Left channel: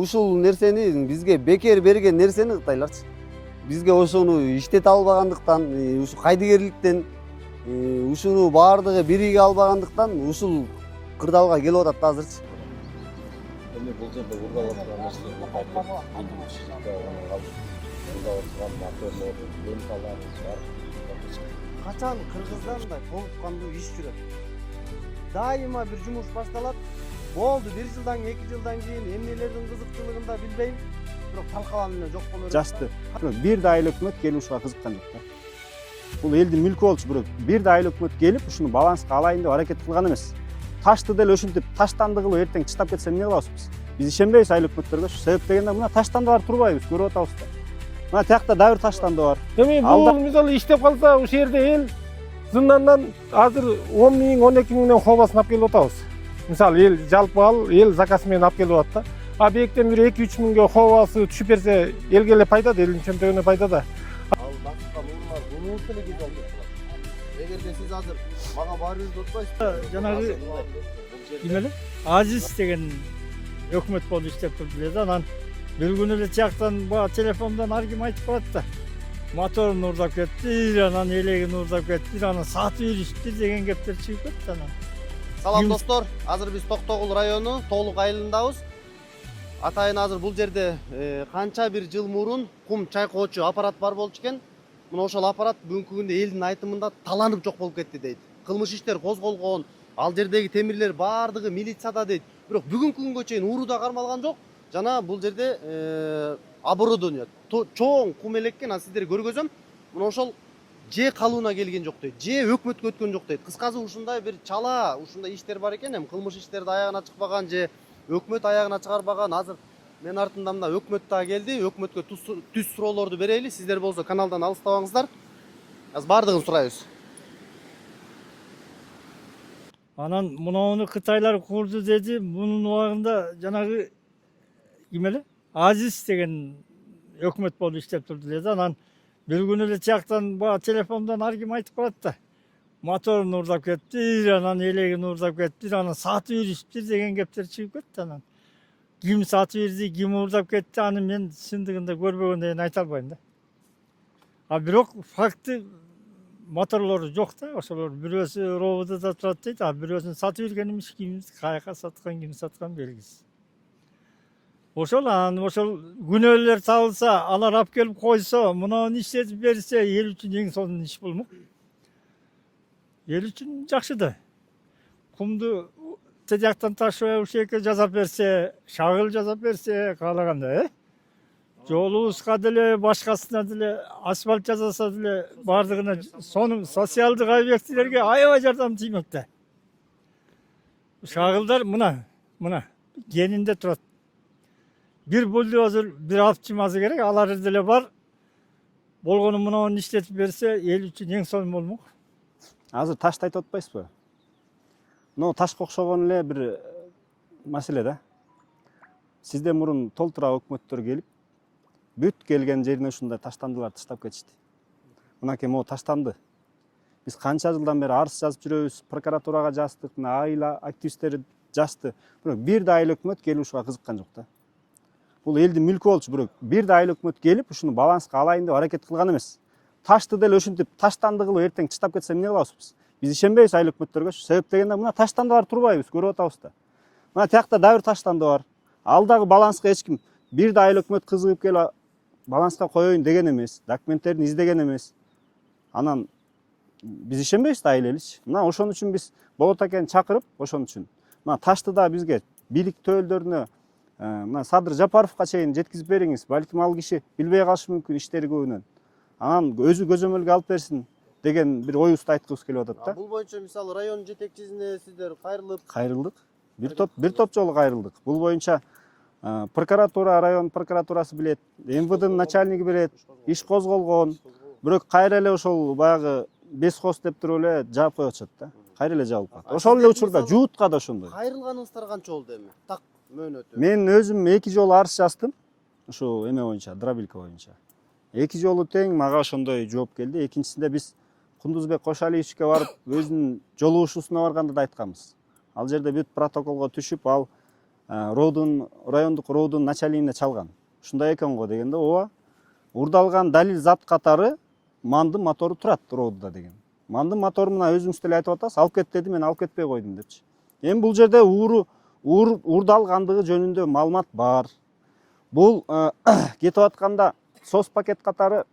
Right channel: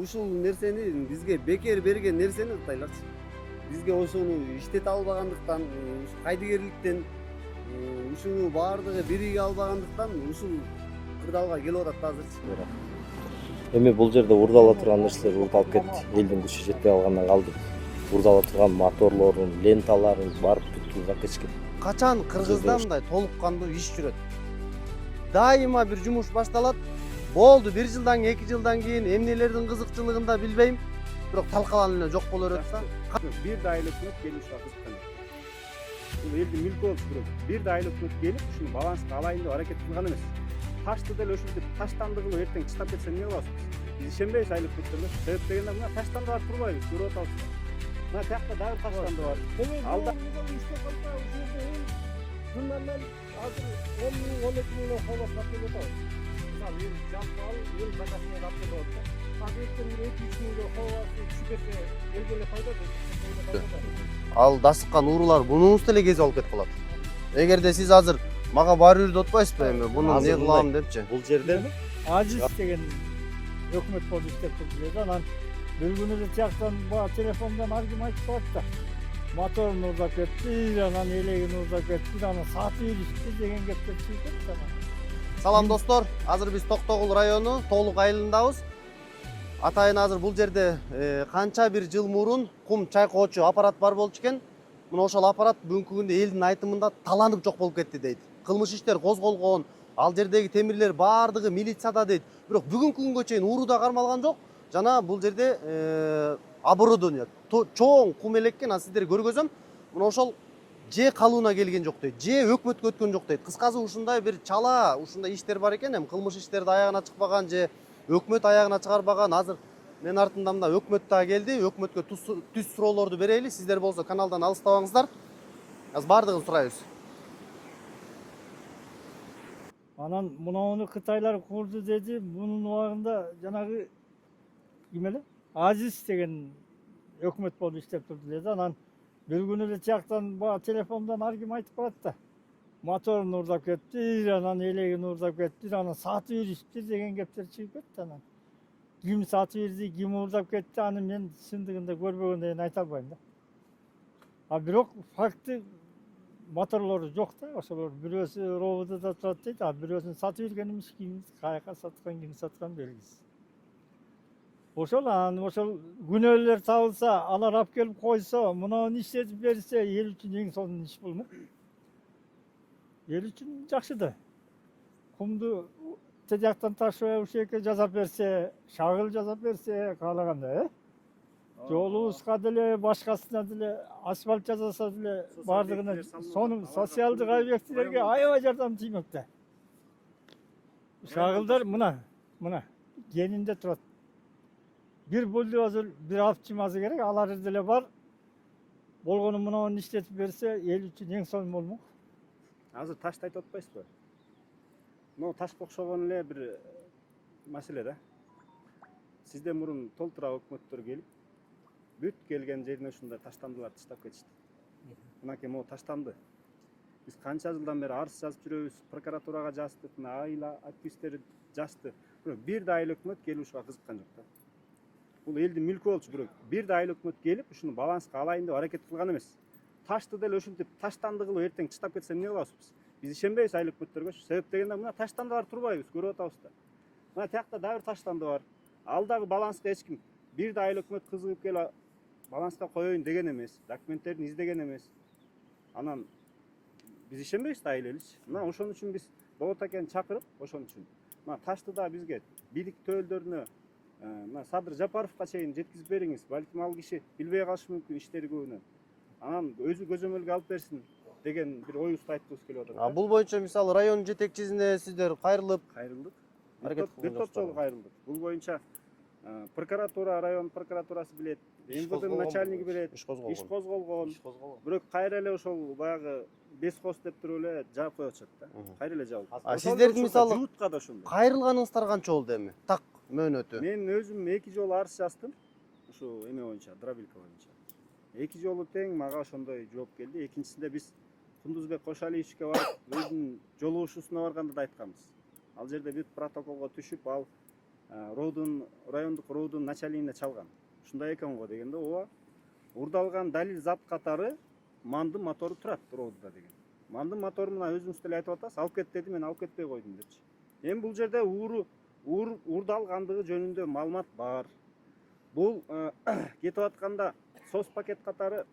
Ушул нерсени бизге бекер берген нерсени Кытайларчы. Бизге ошону иштете албагандыктан, ушу кайдыгерликтен, ушуну баардыгы бириге албагандыктан ушул кырдаалга келип атат азырчы. Эми бул жерде урдала турган нерселер урдалып кетти. Элдин күчү жетпей калгандан калдык. Урдала турган моторлорун, ленталарын барып бүткүл вакытчы. Качан Кыргызда мындай толук кандуу иш жүрөт? Дайыма бир жумуш башталат. Болду 1 жылдан 2 жылдан кийин эмнелердин кызыкчылыгын да билбейм. Бирок талкаланып эле жок боло берет. Жасты. Бир да айыл өкмөт келип ушуга кызыккан жок да. Бул элдин мүлкү болчу, бирок бир да айыл өкмөт келип ушуну баланска алайын деп аракет кылган эмес. Ташты деле ошентип таштанды кылып эртең чыштап кетсе эмне кылабыз биз? Биз ишенбейбиз айыл өкмөттөргө. Себеп дегенде мына таштандылар турбайбыз, көрүп атабыз да. Мына тиякта дагы бир таштанды бар. Эми бул мисалы иштеп калса ушул жерде эл зындандан азыр 10 миң 12 миңден хобасын алып келип атабыз. Мисалы эл жалпы эл заказ менен алып келип атат да. А бектен бир 2-3 миңге хобасы түшүп берсе элге эле пайда да, элдин чөнтөгүнө пайда да. Ал дасыккан уурулар мунубуз деле кезип алып кетип калат. Эгерде сиз азыр мага баары бир отпайсызбы эми муну азыр кылам депчи. Бул жерде Азиз деген өкмөт болуп иштеп турду да. Анан бир күнү эле тияктан баягы телефондон ар ким айтып барат да. Моторун уурдап кетти, анан элегин уурдап кетти, анан сатып ийришти деген кептер чыгып кетти анан. Салам достор, азыр биз Токтогул району Тоолук айылындабыз. Атайын азыр бул жерде канча бир жыл мурун кум чайкоочу аппарат бар болчу экен. Мына ошол аппарат бүгүнкү күндө элдин айтымында таланып жок болуп кетти дейт. Кылмыш иштер козголгон, ал жердеги темирлер баардыгы милицияда дейт. Бирок бүгүнкү күнгө чейин ууруда кармалган жок. Жана бул жерде оборудование чоң кум элеккен, а сиздерге көргөзөм. Мына ошол же калууна келген жок дейт, же өкмөткө өткөн жок дейт. Кыскасы ушундай бир чала, ушундай иштер бар экен. Эми кылмыш иштерди аягына чыкпаган же өкмөт аягына чыгарбаган. Азыр мен артымда мына өкмөт да келди. Өкмөткө түз суроолорду берели. Сиздер болсо каналдан алыстабаңыздар. Азыр баардыгын сурайбыз. Анан мунуну Кытайлар курду деди. Мунун убагында жанагы ким эле? Азиз деген өкмөт болуп иштеп турду деди. Анан бир күнү эле тияктан баягы телефондон ар ким айтып барат да. Моторун уурдап кетти, анан элегин уурдап кетти, анан сатып ийришти деген кептер чыгып кетти анан. Ким сатып ийирди, ким уурдап кетти, аны мен чындыгында көрбөгөндөн айта албайм да. А бирок факты моторлору жок да, ошолор бирөөсү ровдда турат дейт, а бирөөсүн сатып ийирген эмес, ким каяка саткан, ким саткан белгисиз. Ошол анан ошол күнөөлөр табылса, алар алып келип койсо, мунуну иштетип берсе, эл үчүн эң сонун иш болмок. Ел үчүн жакшы да. Кумду тияктан ташыбай ушеке жасап берсе, шагыл жасап берсе, каалаганда, жолубузга деле, башкасына деле асфальт жасаса деле, баардыгына сонун социалдык объектилерге аябай жардам тиймек да. Шагылдар мына кенинде турат. Бир бульдозер, бир автомасы керек, алар деле бар. Болгону мунуну иштетип берсе, эл үчүн эң сонун болмок. Азыр ташты айтып атпайсызбы? Но ташка окшогон эле бир маселе да. Сизден мурун толтура өкмөттөр келип, бүт келген жерине ушундай таштандылар таштап кетишти. Мынакей могу таштанды. Биз канча жылдан бери арыз жазып жүрөбүз, прокуратурага жаздык, айыл активисттери жазды. Бирок бир да айыл өкмөт келип ушуга кызыккан жок да. Бул элдин мүлкү болчу, бирок бир да айыл өкмөт келип ушуну баланска алайын деп аракет кылган эмес. Ташты деле ошентип таштанды кылып эртең чыштап кетсе эмне кылабыз биз? Биз ишенбейбиз айыл өкмөттөргө. Себеп дегенде мына таштандылар турбайбыз, көрүп атабыз да. Мына тиякта дагы бир таштанды бар. Ал дагы баланска эч ким бир да айыл өкмөт кызыгып келип баланска коеюн деген эмес, документтерин издеген эмес. Анан биз ишенбейбиз да айыл эличи. Мына ошон үчүн биз болот акени чакырып, ошон үчүн. Мына ташты да бизге бийлик төөлдөрүнө мына Садыр Жапаровго чейин жеткизип бериңиз. Балким ал киши билбей калышы мүмкүн иштери көбүнөн. Анан өзү көзөмөлгө алып берсин деген бир оюбузду айткыбыз келип атат да. Бул боюнча мисалы район жетекчисине сиздер кайрылдык. Бир топ жолу кайрылдык. Бул боюнча прокуратура, район прокуратурасы билет, МВДнын начальниги билет, иш козголгон. Бирок кайра эле ошол баягы бескос деп туруп эле жаап коюп атышат да. Кайра эле жабылып калат. Ошол эле учурда жуутка да ошондой. Кайрылганыңыздар канча болду эми? Так мөөнөтү. Мен өзүм 2 жолу арыз жаздым. Ушу эме боюнча, дробилка боюнча. 2 жолу тең мага ошондой жооп келди. Экинчисинде биз Кундузбек Кошалиевичке барып өзүнүн жолугушуусуна барганда да айтканбыз. Ал жерде бүт протоколго түшүп, ал райондук роодун начальнигине чалган. Ушундай экен го дегенде, ооба. Урдалган далил зат катары мандын мотору турат роодда деген. Мандын мотору мына өзүңүз деле айтып атасыз, алып кет деди, мен алып кетпей койдум депчи. Эми бул жерде урдалгандыгы жөнүндө маалымат бар. Бул кетип атканда сос пакет катары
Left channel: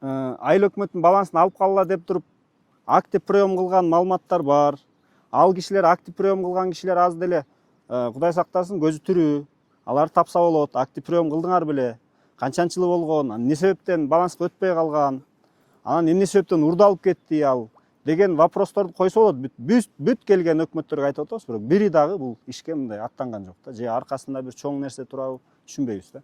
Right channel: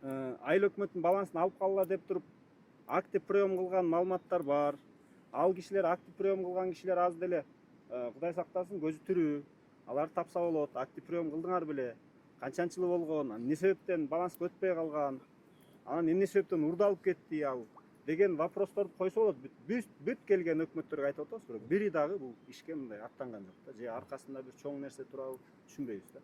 айыл өкмөттүн балансын алып калгыла деп туруп актив прием кылган маалыматтар бар. Ал кишилер, актив прием кылган кишилер аз деле Кудай сактасын көзү тирүү. Алар тапса болот. Актив прием кылдыңар беле? Канчанчы жыл болгон? Эмне себептен баланска өтпөй калган? Анан эмне себептен урдалып кетти ал? Деген вопросторду койсо болот. Бүт келген өкмөттөргө айтып атабыз, бирок бири дагы бул ишке мындай аттанган жок да. Же аркасында бир чоң нерсе турабы түшүнбөйбүз да.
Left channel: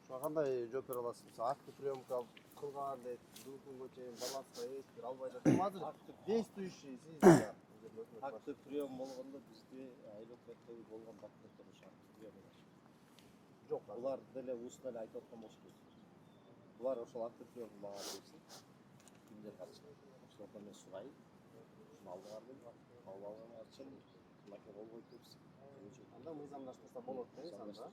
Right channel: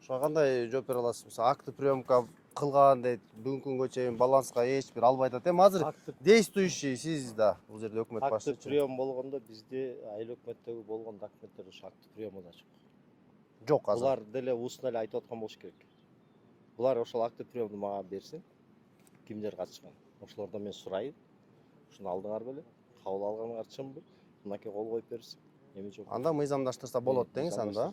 Ошого кандай жооп бере аласыз? Мисалы актив приемка кылган дейт, бүгүнкү күнгө чейин баланска эч бир албай атат. Эми азыр действующий сиз да бул жерде өкмөт башчысы. Актив прием болгондо бизде айыл өкмөттөгү болгон документтер ушу актив приемда Жок азыр. булар деле устно эле айтып аткан болуш керек. Булар ошол актив приемду мага берсин. Кимдер катышкан? Ошолордон мен сурайын. Ушуну алдыңар беле? Кабыл алганыңар чынбы? Мынакей кол коюп берсин. Эми жок. Анда мыйзамдаштырса болот деңиз анда.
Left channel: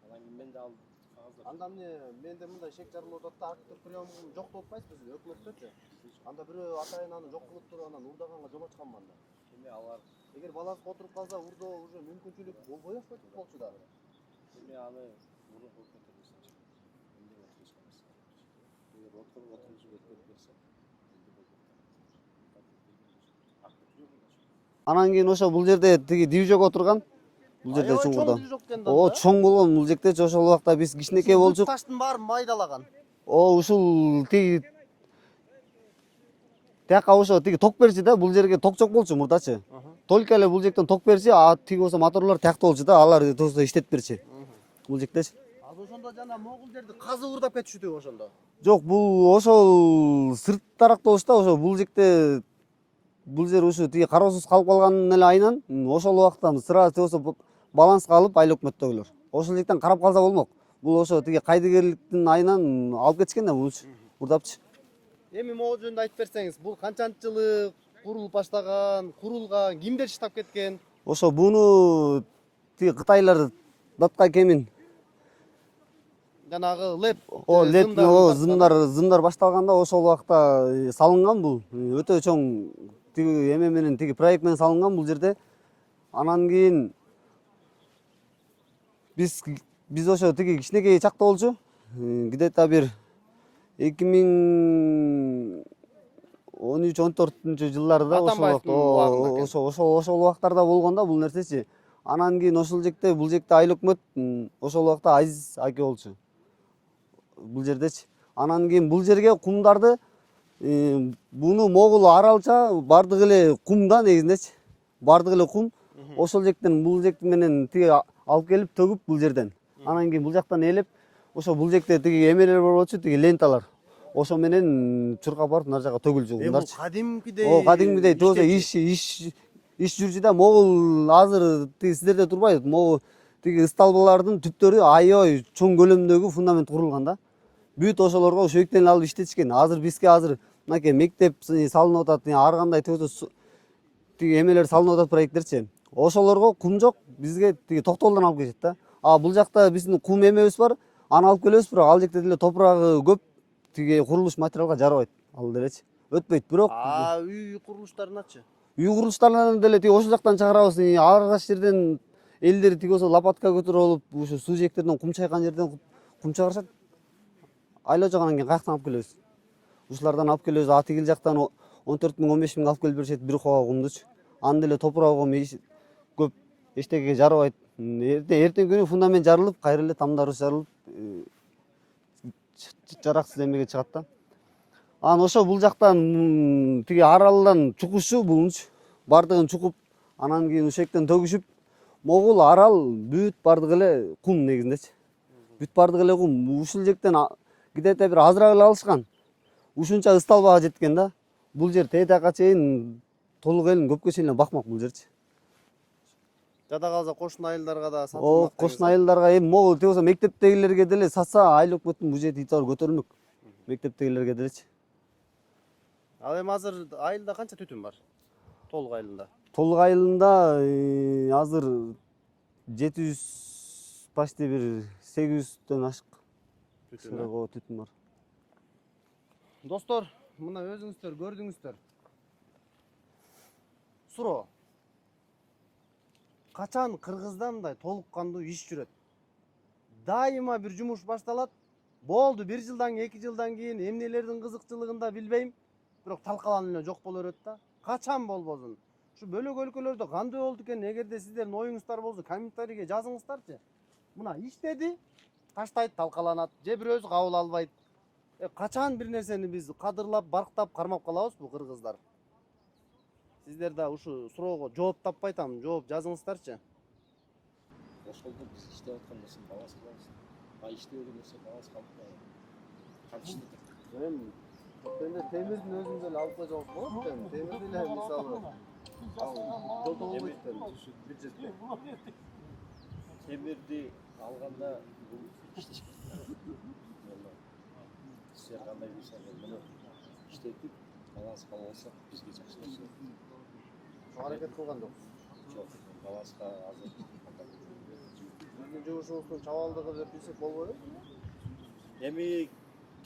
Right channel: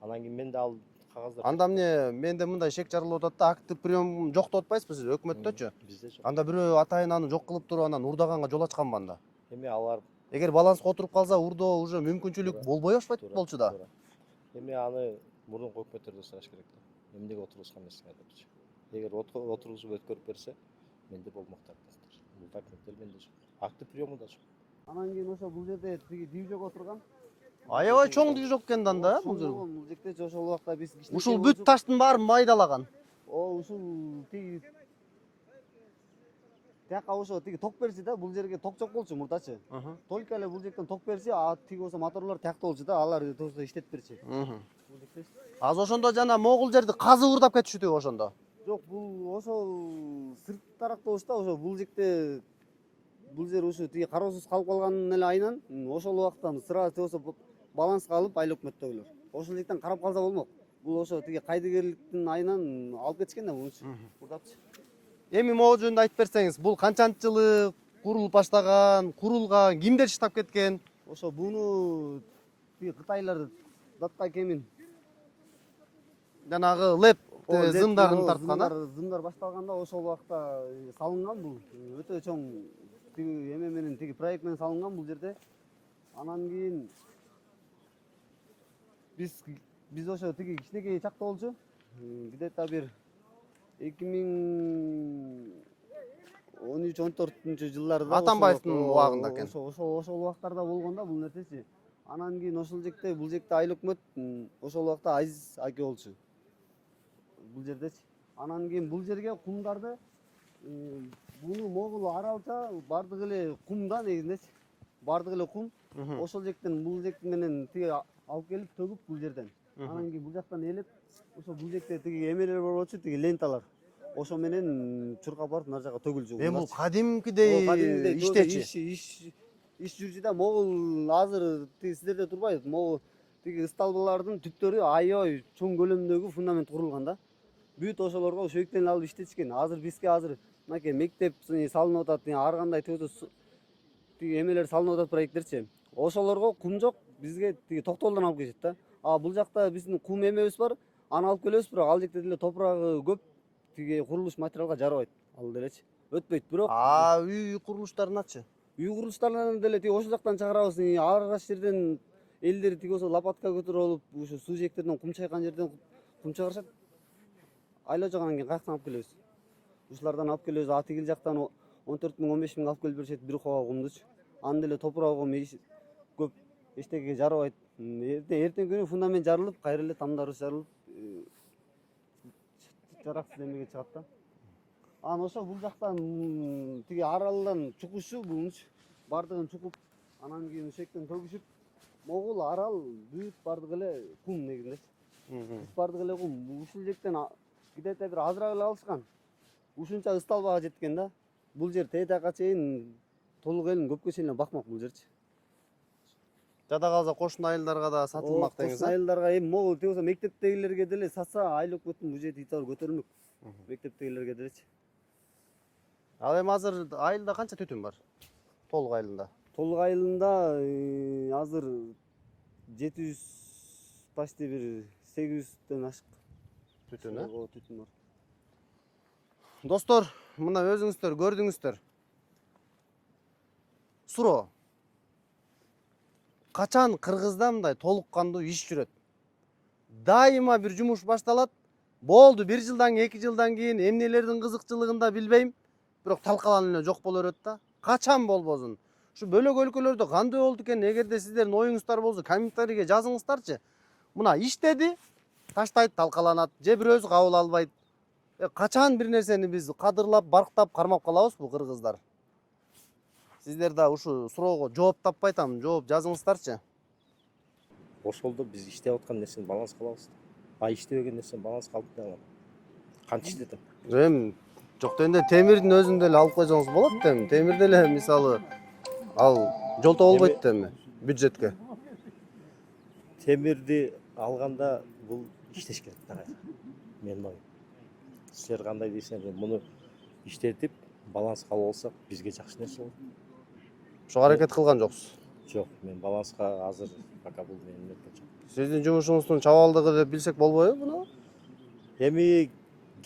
Анан кийин мен да ал кагаздар. Анда эмне менде мындай шек жарылып атат да, актив прием жок деп атпайсызбы сиз өкмөттөчү? Бизде жок. Анда бирөө атайын аны жок кылып туруп анан урдаганга жол ачканбы анда? Эми алар Эгер баланска отуруп калса, урдоо уже мүмкүнчүлүк болбой баштайт болчу да. Эми аны мурдунку өкмөттөрдөн сураш керек да. Эмнеге отургузган эмесиңер депчи. Эгер отургузуп өткөрүп берсе, менде болмок да. Бул документтер менде жок. Актив приему да жок. Анан кийин ошо бул жерде тиги движок отурган. Аябай чоң движок экен да. О, чоң болгон бул жектечи ошол убакта биз кичинекей Ушул бүт болчук. таштын баарын майдалаган. Ушул тиги тияка ошо тиги ток берчи да, бул жерге ток жок болчу мурдачы. Только эле бул жектен ток берчи, а тиги болсо моторлор тиякта болчу да, алар тосо иштетип берчи. Бул жектечи. Азыр ошондо жана могул жерди казып урдап кетишүүдү ошондо. Жок, бул ошол сырт тарапта болчу да, ошо бул жекте бул жер ушу тиги кароосуз калып калганын эле айынан ошол убакта сразу болсо баланска алып айыл өкмөттөгүлөр. Ошол жактан карап калса болмок. Бул ошо тиги кайдыгерликтин айынан алып кетишкен да бул урдапчы. Эми могул жөнүндө айтып берсеңиз, бул канчанчы жылы курулуп баштаган, курулган, кимдер иштеп кеткен? Ошо буну тиги кытайлар датка кемин Жанагы леп зымдар башталганда ошол убакта салынган бул. Өтө чоң тиги эме менен тиги проект менен салынган бул жерде. Анан кийин биз ошо тиги кичинекей чакта болчу. Где-то бир 2013-14 жылдарда ошол убактарда болгон да бул нерсечи. Анан кийин ошол жекте бул жекте айыл өкмөт ошол убакта Азиз аке болчу. Бул жердечи. Анан кийин бул жерге кумдарды буну могул аралча бардыгы эле кум да негизиндечи. Бардыгы эле кум. Ошол жектен бул жек менен тиги алып келип төгүп бул жерден. Анан кийин бул жактан элеп ошо бул жекте тиги эмелер бар болчу, тиги ленталар. Ошо менен чуркап барып нар жака төгүлчү кумдарчы. Кадимкидей. Кадимкидей тозо иш жүрчү да, могул азыр тиги сиздерде турбайбы? Могул тиги столбалардын түптөрү аябай чоң көлөмдөгү фундамент курулган да. Бүт ошолорго ошо өктен алып иштетишкен. Азыр бизге мынакей мектеп салынып атат, ар кандай тиги эмелер салынып атат проекттерчи. Ошолорго кум жок, бизге тиги Токтолдон алып келишет да. А бул жакта биздин кум эмебиз бар, аны алып келебиз, бирок ал жекте деле топурагы көп, тиги курулуш материалга жарабайт. Ал делечи. Өтпөйт, бирок үй курулуштарыначы? үй курулуштарынан деле тиги ошол жактан чыгарабыз. Ар кайсы жерден элдер тиги болсо лопатка көтөрүп алып, ушу суу жээктерден кум чайкан жерден кум чыгарышат. Айла жок, анан кийин каяктан алып келебиз? Ушулардан алып келебиз. А тигил жактан 14 000, 15 000 алып келип беришет бир кова кумдучу. Аны деле топурагы көп эчтекеге жарабайт. Эртең күнү фундамент жарылып, кайра эле тамдарыбыз жарылып, жараксыз эмеге чыгат да. Анан ошо бул жактан тиги аралдан чукушу булунчу. Бардыгын чукуп, анан кийин ошол жактан төгүшүп, могул арал бүт бардыгы эле кум негизиндечи. Бүт бардыгы эле кум. Ушул жактан где-то бир азыраак эле алышкан. Ушунча ысталбага жеткен да. Бул жер тетака чейин толук элин көпкө чейин бакмак бул жерчи. Жада калса кошуна айылдарга да сатылмак. Кошуна айылдарга эми могул болсо мектептегилерге деле сатса, айыл өкмөттүн бюджети итабар көтөрүлмөк. Мектептегилерге делечи. Ал эми азыр айылда канча түтүн бар? Толук айылында. толук айылында азыр 700 почти бир 800дөн ашык түтүн бар. Достор, мына өзүңүздөр көрдүңүздөр. Суроо. Качан Кыргызда мындай толук кандуу иш жүрөт? Дайыма бир жумуш башталат. Болду 1 жылдан 2 жылдан кийин эмнелердин кызыкчылыгында билбейм, бирок талкаланып эле жок боло берет да. Качан болбосун? Ушу бөлөк өлкөлөрдө кандай болду экен? Эгерде сиздердин оюңуздар болсо комментарийге жазыңыздарчы. Мына иштеди, таштайт, талкаланат, же бирөөсү кабыл албайт. Качан бир нерсени биз кадырлап, барктап, кармап калабызбы кыргыздар? Сиздер да ушу суроого жооп таппай атам, жооп жазыңыздарчы. Ошолдо биз иштеп аткан нерсени баланс кылабыз. А иштебеген нерсени баланс кылып калган. Канча иштедим? Эми жок дегенде темирдин өзүн деле алып койсоңуз болот да эми. Темир деле мисалы ал жолто болбойт да эми бюджетке. Темирди алганда бул иштеш керек да. Мен силер кандай дейсиңер, муну иштетип баланс кылып алсак бизге жакшы нерсе болот. Ошого аракет кылган жоксуз. Жок, мен баланска азыр пока бул менин. Сиздин жумушуңуздун чабалдыгы деп билсек болбойбу буну? Эми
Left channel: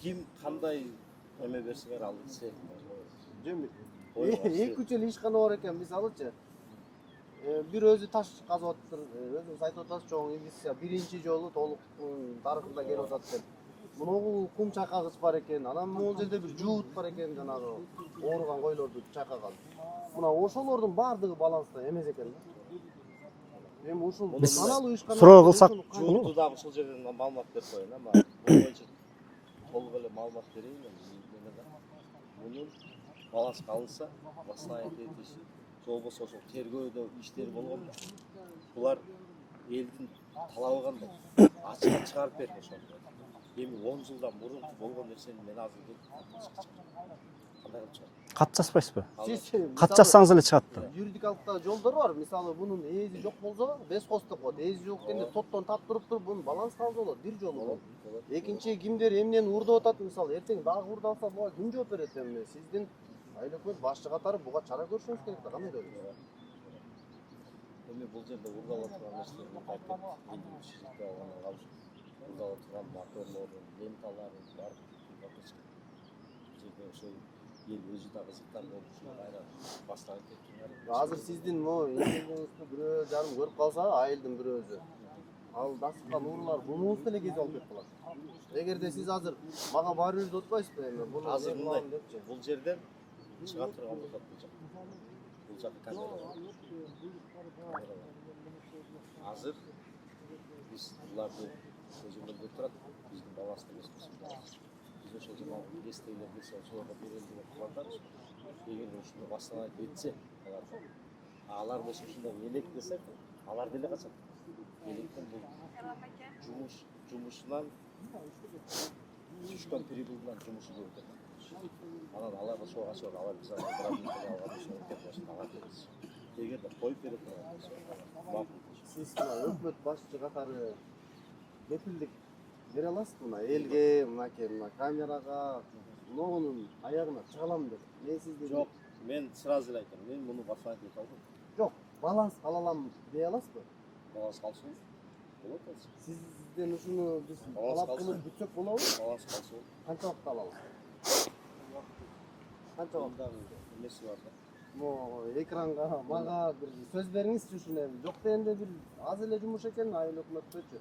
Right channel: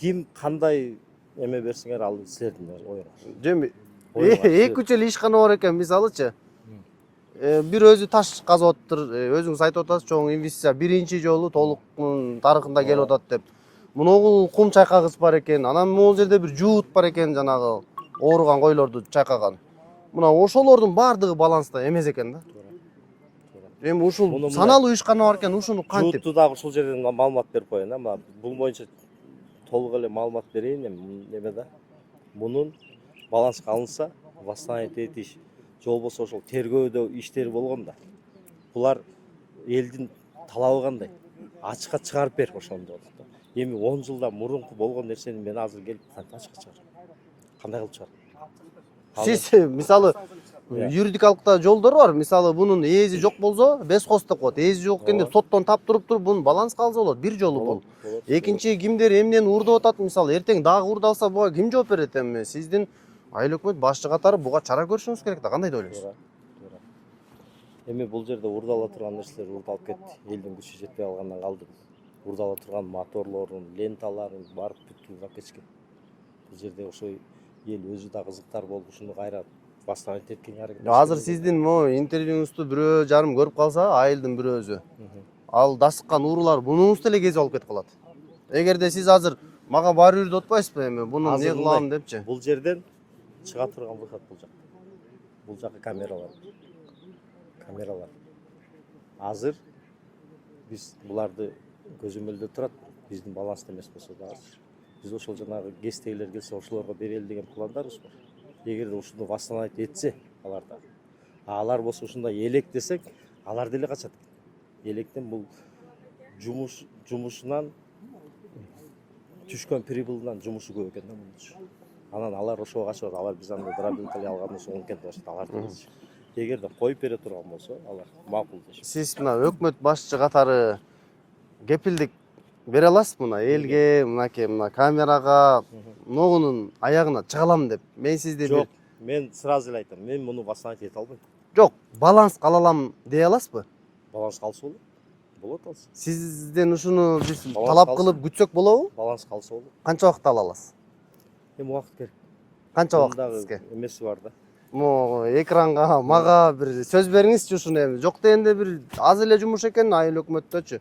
ким кандай эме берсиңер ал силердин оюңуз. Жеми 2-3 эле ишкана бар экен мисалычы. Бир өзү таш казып атыптыр, өзүңүз айтып атасыз, чоң инвестиция биринчи жолу толук тарыхында келип атат деп. Муногу кум чайкагыч бар экен, анан могул жерде бир жуут бар экен, жанагы ооруган койлорду чайкаган. Мына ошолордун баардыгы баланста эмес экен да. Эми ушул саналуу ишкана бар экен, ушуну кантип? Жууту дагы ушул жерден маалымат берип коеюн, ама бул боюнча толук эле маалымат берейин эми неме да. Мунун баланска алынса, восстановить этиш, же болбосо ошол тергөөдө иштери болгондо булар элдин талабы кандай? Ачыкка чыгарып бер ошондо. Эми 10 жылдан мурунку болгон нерсени мен азыр келип кантип ачыкка чыгарам? Кандай кылып чыгарам? Кат жазбайсызбы? Сиз Кат мисалы жазсаңыз эле чыгат. юридикалыкта жолдор бар. Мисалы бунун ээси жок болсо, бесхоз деп коет. Ээси жок экен деп соттон таптырып туруп бунун баланска алса болот. Бир жолу бул. Экинчи кимдер эмнени урдап атат, мисалы эртең дагы урдалса буга ким жооп берет эми? Сиздин айыл өкмөт башчы катары буга чара көрүшүңүз керек да. Кандай деп ойлойсуз? Эми бул жерде урдала турган нерселер урдалып кетти. Элдин күчү жетпей калгандан калды. Урдала турган моторлорун, ленталарын барып бүткүлүп алып кетишкен. Бул жерде ошо ел өзү да кызыктар болуп ушуну кайра восстановить эткенге аракет. Азыр сиздин могу интервьюңузду бирөө жарым көрүп калса, айылдын бирөөсү, ал дасыккан уурулар бунуңузду эле кезип алып кетип калат. Эгерде сиз азыр мага бар үрдү атпайсызбы эми? Буну эмне кылам депчи? Бул жерден чыга турган болсот бул жак. Бул жакка камералар. Камералар. Азыр биз буларды көзөмөлдөп турат. Биздин баланста эмес болсо дагы. Биз ошол жанагы гестегилер келсе ошолорго берели деген пландарыбыз бар. Эгерде ушуну восстановить этсе аларда. Алар болсо ушундай элек десек, алар деле качат. Электен бул жумушунан түшкөн прибылдан жумушу көп экен да. Анан алар ошого качат, алар биз андай грабинг алган болсо онкен болот, алар деле. Эгерде коюп бере турган болсо, алар макул. Сиз мына өкмөт башчы катары кепилдик бере аласызбы мына элге, мынакей мына камерага, могунун аягына чыга алам деп? Мен сизди Жок, мен сразу эле айтам, мен муну восстановить эте албайм. Жок, баланс кала алам дей аласызбы? Баланс калса болот. Болот алса. Сизден ушуну биз талап кылып күтсөк болобу? Баланс калса болот. Канча убакыт ала аласыз? Эми убакыт керек. Канча убакыт сизге? Эмеси бар да. Могу экранга, мага бир сөз бериңизчи ушуну эми. Жок дегенде бир аз эле жумуш экен айыл өкмөттөчү.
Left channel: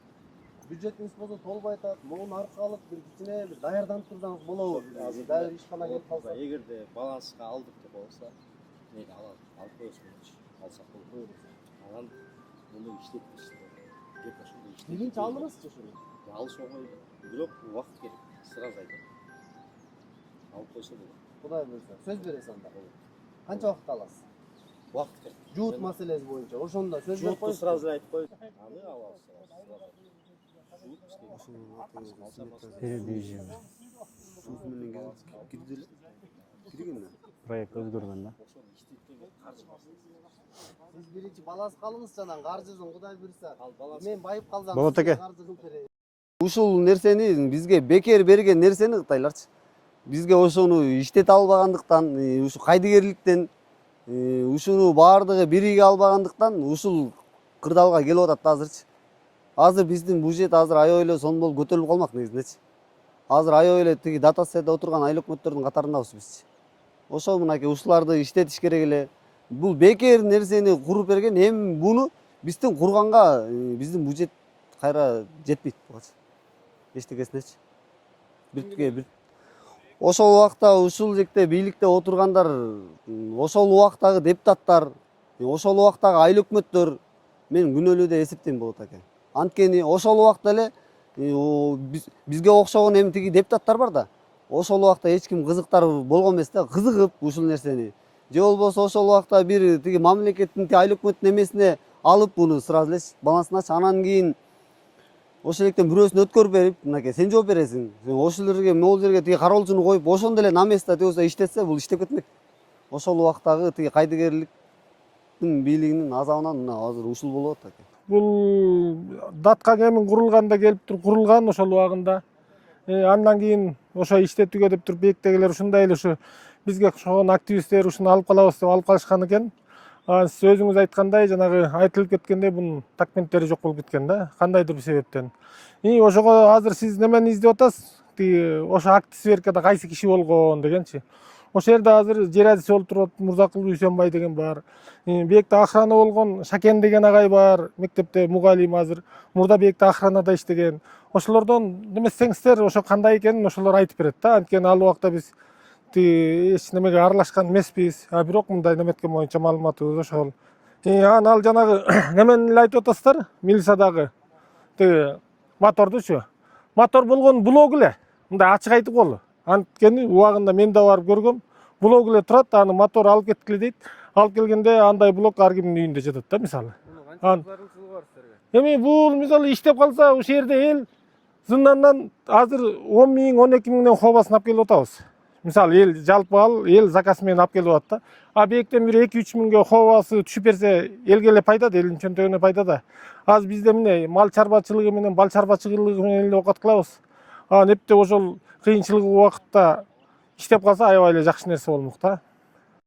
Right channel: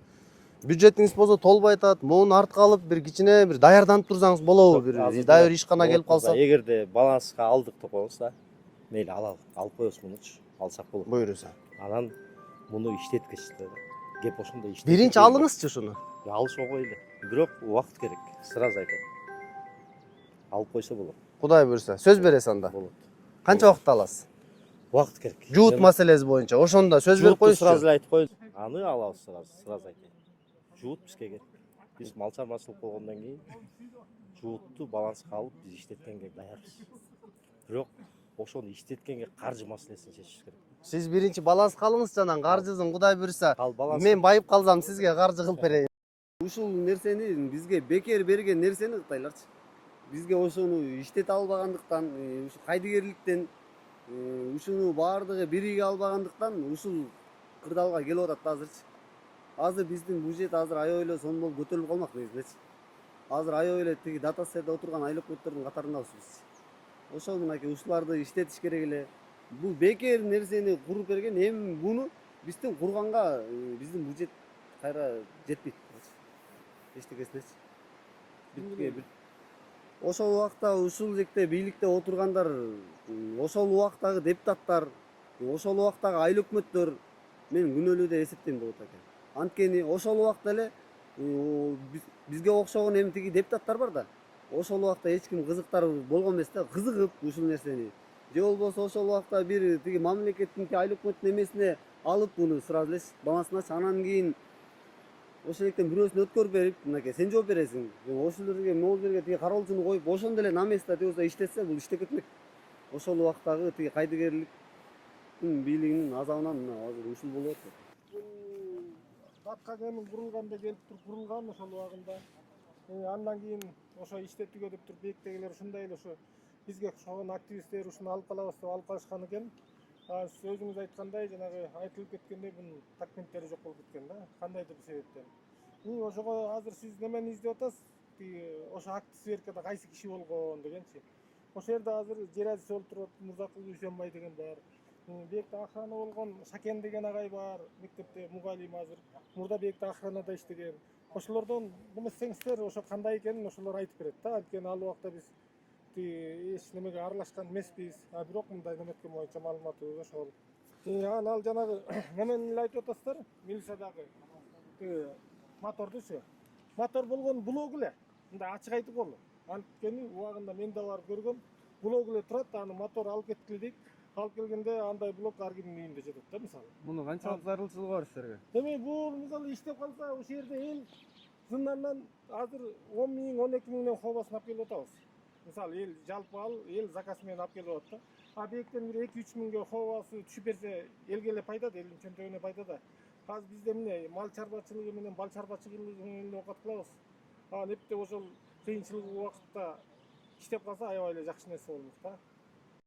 Бюджетиңиз болсо толбой атат, муну артка алып бир кичине бир даярданып турсаңыз болобу? Бир дайыр ишкана келип калса. Эгерде баланска алдык деп коебузда, мейли алалы, алып коебуз мунучу, алсак болот. Буйруса. Анан муну иштеткичти. Кеп ошондой иштеп. Биринчи алыңызчы ушуну. Алыш оңой эле. Бирок убакыт керек. Сразу айтам. Алып койсо болот. Кудай буйруса, сөз бересиз анда. Болот. Канча убакыт аласыз? Убакыт керек. Жуут маселеси боюнча ошондо сөз берип коюңузчу. Сразу эле айтып коебуз. Аны алабыз сразу айтам. Жуут бизге келсин. Биз мал чарбасылык жуутту баланска алып иштеткенге даярбыз. Проект өзгөргөн да. Ошону иштеткенге каржы маселесин чечиш керек. Сиз биринчи баланска алыңызчы, анан каржысын Кудай буйруса. Ал баланс. Мен байып калсам сизге каржы кылып берейин. Ушул нерсени бизге бекер берген нерсени Кытайларчы. Бизге ошону иштете албагандыктан, ушу кайдыгерликтен ушуну баардыгы бириге албагандыктан ушул кырдаалга келип атат да азырчы. Азыр биздин бюджет азыр аябай эле сонун болуп көтөрүлүп калмак негизиндечи. Азыр аябай эле тиги дотацияда отурган айыл өкмөттөрдүн катарындабыз биз. Ошол мынакей ушуларды иштетиш керек эле. Бул бекер нерсени куруп берген, эми буну биздин курганга биздин бюджет кайра жетпейт буга. Эчтекесинечи. Бир ошол убакта ушул жекте бийликте отургандар, ошол убактагы депутаттар, ошол убактагы айыл өкмөттөр мен күнөөлүү деп эсептейм болот экен. Анткени ошол убакта эле бизге окшогон эми тиги депутаттар бар да. Ошол убакта эч ким кызыктар болгон эмес да, кызыгып ушул нерсени. Же болбосо ошол убакта бир тиги мамлекеттин айыл өкмөттүн эмесине алып буну сразу эле балансыначы, анан кийин ошол жактан бирөөсүн өткөрүп берип, мынакей сен жооп бересиң. Ошол жерге, могул жерге тиги кароолчуну коюп, ошондо эле на место тиги иштетсе, бул иштеп кетмек. Ошол убактагы тиги кайдыгерликтин бийлигинин азабынан мына азыр ушул болуп атат. Бул датка кемин курулганда келип туруп курулган ошол убагында. Андан кийин ошо иштетүүгө деп туруп бээктегилер ушундай эле ушу бизге окшогон активисттер ушуну алып калабыз деп алып калышкан экен. Сиз өзүңүз айткандай, жанагы айтылып кеткендей бунун документтери жок болуп кеткен да, кандайдыр бир себептен. Ошого азыр сиз немени издеп атасыз? Тиги ошо акт сверкада кайсы киши болгон дегенчи. Ошол жерде азыр жер адиси болуп туруп атат, Мурзакул Дүйсөнбай деген бар. Бекте охрана болгон Шакен деген агай бар, мектепте мугалим азыр. Мурда бекте охранада иштеген. Ошолордон немесеңиздер, ошо кандай экенин ошолор айтып берет да. Анткени ал убакта биз эч немеге аралашкан эмеспиз. Бирок мындай неметкен боюнча маалыматыбыз ошол. Ал жанагы немени эле айтып атасыздар, милициядагы тиги мотордучу. Мотор болгон блок эле. Мындай ачык айтып коелу. Анткени убагында мен да барып көргөм. Блок эле турат, аны мотор алып кеткиле дейт. Алып келгенде андай блок ар кимдин үйүндө жатат да, мисалы. Муну канчалык зарылчылыгы бар силерге? Эми бул мисалы иштеп калса, ошол жерде эл зындандан азыр 10 миң, 12 миңден хобасын алып келип атабыз. Мисалы эл жалпы эл заказ менен алып келип атат да. Бектен бир 2-3 миңге хобасы түшүп берсе, элге эле пайда да, элдин чөнтөгүнө пайда да. Азыр бизде мына мал чарбачылыгы менен, бал чарбачылыгы менен эле окат кылабыз. Непте ошол кыйынчылык убакытта иштеп калса аябай эле жакшы нерсе болмок да.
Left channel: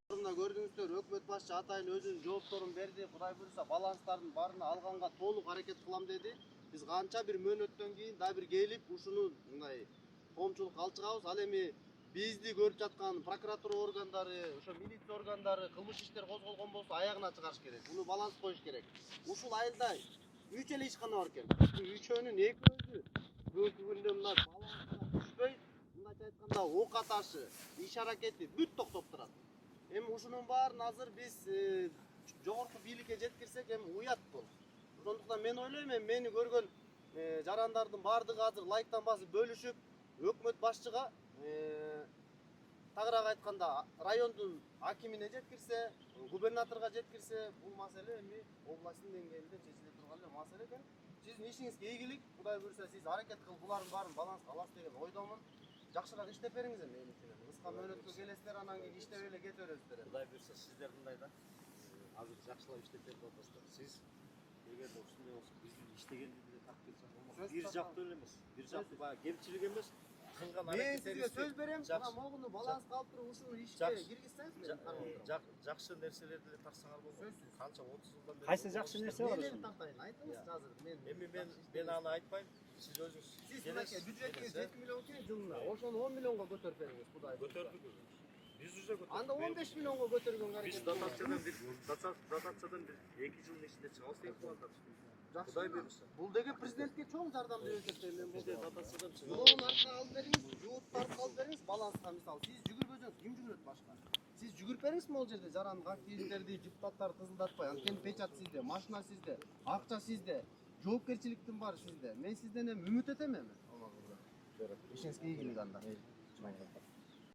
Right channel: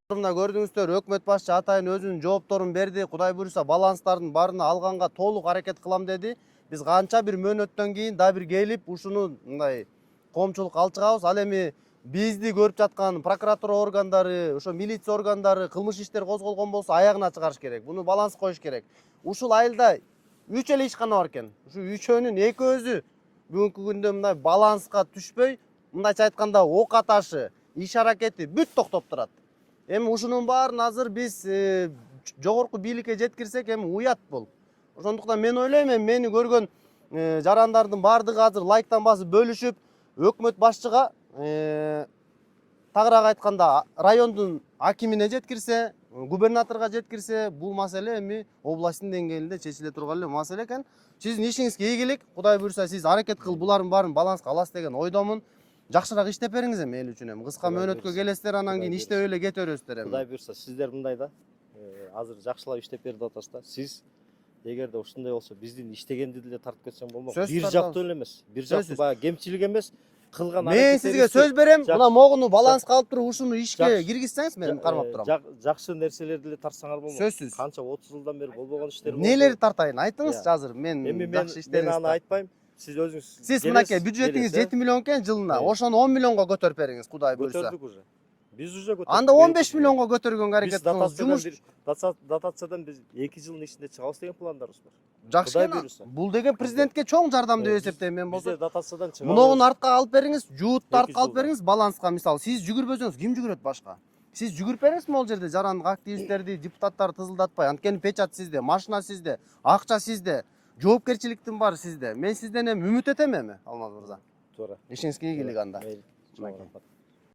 Мына көрдүңүздөр, өкмөт башчы атайын өзүнүн жоопторун берди. Кудай буйруса баланстардын баарына алганга толук аракет кылам деди. Биз канча бир мөөнөттөн кийин да бир келип ушуну мындай коомчулукка алып чыгабыз. Ал эми бизди көрүп жаткан прокуратура органдары, ошо милиция органдары кылмыш иштер козголгон болсо аягына чыгарыш керек. Буну баланс коюш керек. Ушул айылда 3 эле ишкана бар экен. Ушу үчөөнүн экөөсү бүгүнкү күндө мындай баланска түшпөй, мындайча айтканда ок аташы, иш аракети бүт токтоп турат. Эми ушунун баарын азыр биз жогорку бийликке жеткирсек эми уят бул. Ошондуктан мен ойлойм, эми мени көргөн жарандардын баардыгы азыр лайктан басып бөлүшүп, өкмөт башчыга тагыраак айтканда райондун акимине жеткирсе, губернаторго жеткирсе, бул маселе эми областтын деңгээлинде чечиле турган эле маселе экен. Сиздин ишиңизге ийгилик. Кудай буйруса сиз аракет кылып булардын баарын баланска аласыз деген ойдомун. Жакшыраак иштеп бериңиз эми эл үчүн эми. Кыска мөөнөткө келесиздер, анан кийин иштеп эле кете бересиздер эми. Кудай буйруса сиздер мындай да, азыр жакшылап иштеп берип атасыз да. Сиз эгерде ушундай болсо биздин иштегенди деле тартып кетсең болмок. Бир жактуу эле эмес. Бир жактуу баягы кемчилик эмес. Кылган Мен сизге сөз берем, мына могуну баланска алып туруп ушуну ишке киргизсеңиз мен кармап турам. Жакшы нерселерди эле тартсаңар болмок. Сөзсүз. Канча 30 жылдан бери болгон иштер. Нелерди тартайын? Айтыңызчы азыр. Мен жакшы иштериңизди. Мен аны айтпайм. Сиз өзүңүз. Сиз мынакей бюджетиңиз 7 миллион экен жылына. Ошону 10 миллионго көтөрүп бериңиз, Кудай буйруса. Көтөрдүк уже. Биз уже көтөрдүк. Анда 15 миллионго көтөргөнгө аракет кылыңыз. Дотациядан биз 2 жылдын ичинде чыгабыз деген пландарыбыз бар. Жакшы экен. Бул деген президентке чоң жардам деп эсептейм мен болсо. Бизде дотациядан чыгабыз. Мунуну артка алып бериңиз, жуутты артка алып бериңиз, баланска мисалы. Сиз жүгүрбөсөңүз ким жүгүрөт башка? Сиз жүгүрүп бериңиз могул жерде жарандык активисттерди, депутаттарды тызылдатпай. Анткени печат сизде, машина сизде, акча сизде, жоопкерчиликтин баары сизде. Мен сизден эми үмүт этем эми, Алмаз мырза. Туура. Ишиңизге ийгилик анда. Мейли.